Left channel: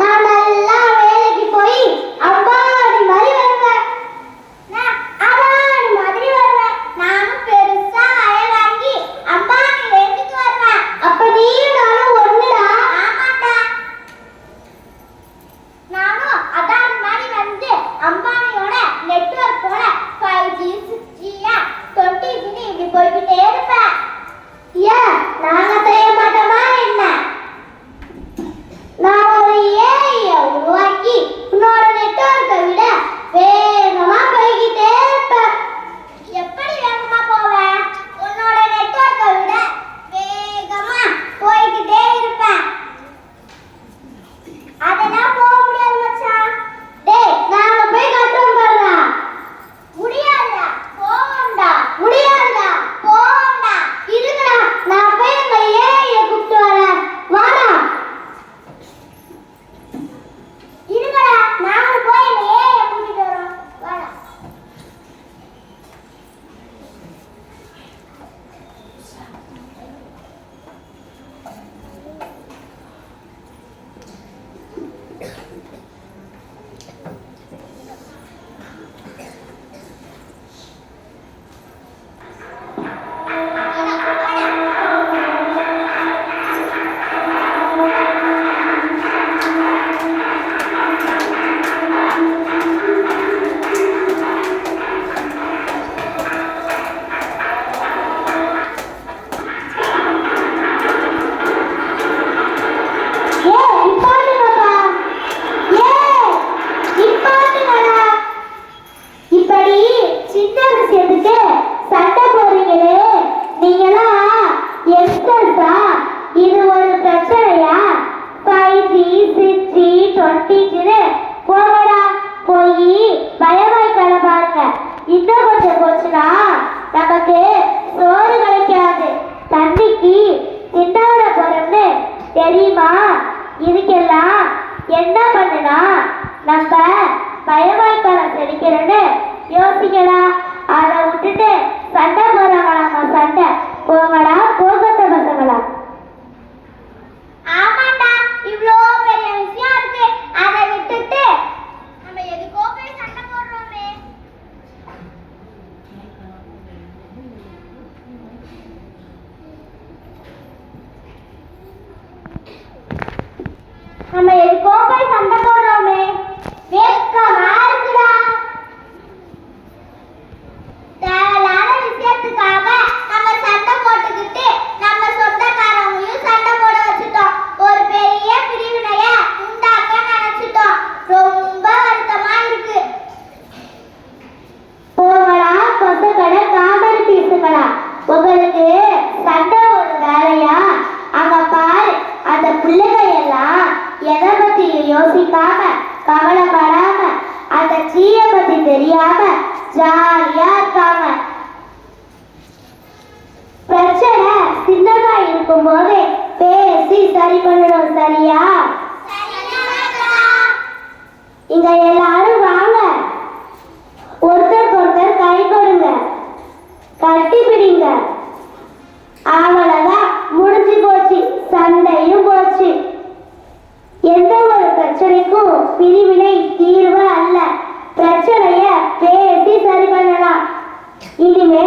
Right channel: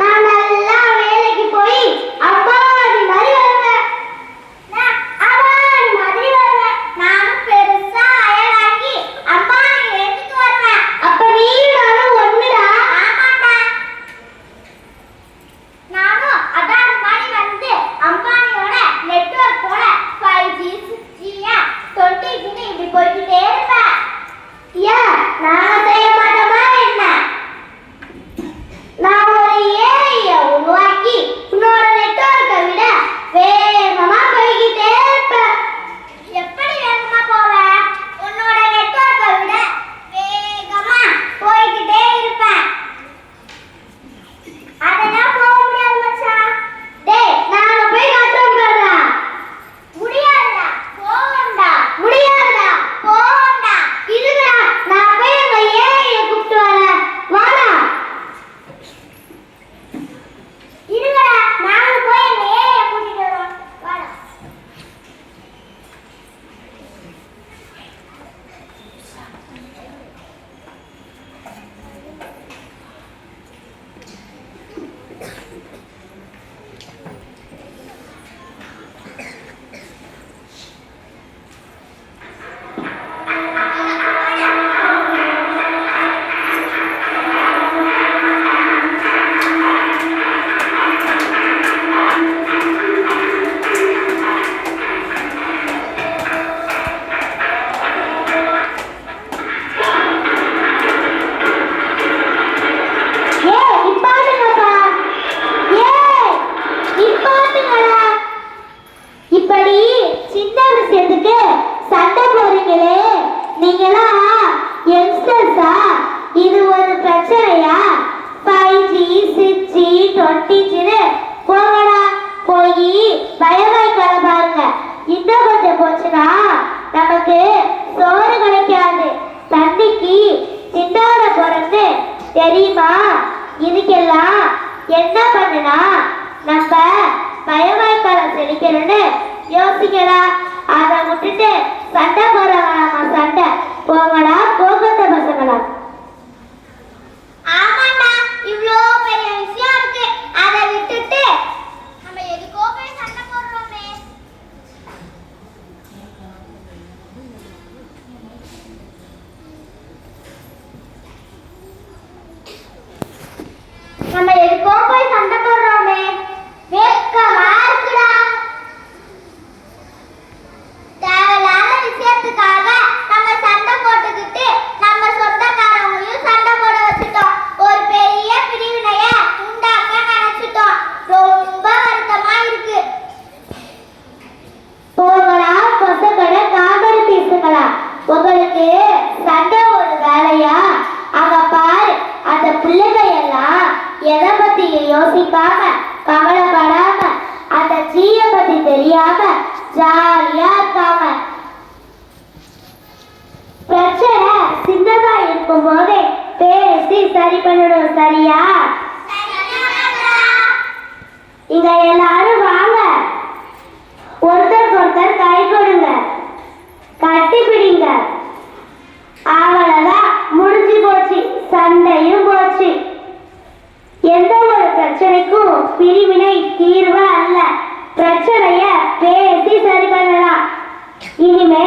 நான் நல்லா வேலைக்கு போய் அப்பா மாதிரி வருவேன். ஒட்டிச்சுன்னு போங்கடா, போய் பயவாய்க்கால பாருங்க. இன்னும் கொஞ்சம் போச்சுன்னா நமக்கு சோறு கிடைக்காது. தண்ணிக்கு சிந்தாட போறன்னு தெரியுமா? இதுக்கெல்லாம் என்ன பண்ணுனா நம்ம பயவாய்க்காலம் செழிக்கிறோன்னு யோசிக்கடா. அதை விட்டுட்டு சண்டை போடுறவங்களாமா சண்டை. போங்கடா, போகத்த பசங்களா. ஆமாண்டா, இவ்வளோ பெரிய விஷயம் இருக்கு, அதை விட்டுட்டு நம்ம எதுக்கோ போய் சண்டை போடுறோமே. நம்ம எதுக்கோ போய் சண்டை போடுறோமே, வெட்கமா இருக்குடா. தேவையில்லாத விஷயத்துக்காக நம்ம சண்டை போட்டுக்கிட்டு நம்ம சொந்தக்காரங்களையும் சண்டை போட வச்சுட்டோம். ஒரு பெரிய பிரிவினைய உண்டாக்க நினைச்சிட்டோம். ரொம்ப வருத்தமா இருக்கு. போங்கடா கொசக்கடை காமெடி பீசுங்களா. உங்களுக்கு சண்டை ஒரு வேலையா? அங்க பாரு, அந்த பிள்ளைங்க எல்லாம் எதை பத்தி யோசிக்காம கவலைப்படாம அந்த சீய பத்தி தெரியாம ஜாலியா இருக்காங்க. பிரச்சனை சின்னதா இருக்கும் போது பேசி சரி பண்ணணும், சரியா? இங்க எல்லாரும் வாங்க, ஒருத்தருக்கு ஒருத்தர் கை கொடுங்க, கட்டி பிடிங்க. அவ்வளவுதான், முடிஞ்சு போச்சு, சண்டையும் போச்சு. எந்த ஒரு பிரச்சனைக்கும் பிரிவினை தீர்வு அல்ல. பிரச்சனைய பேசி சரி பண்ணலாம். இனிமே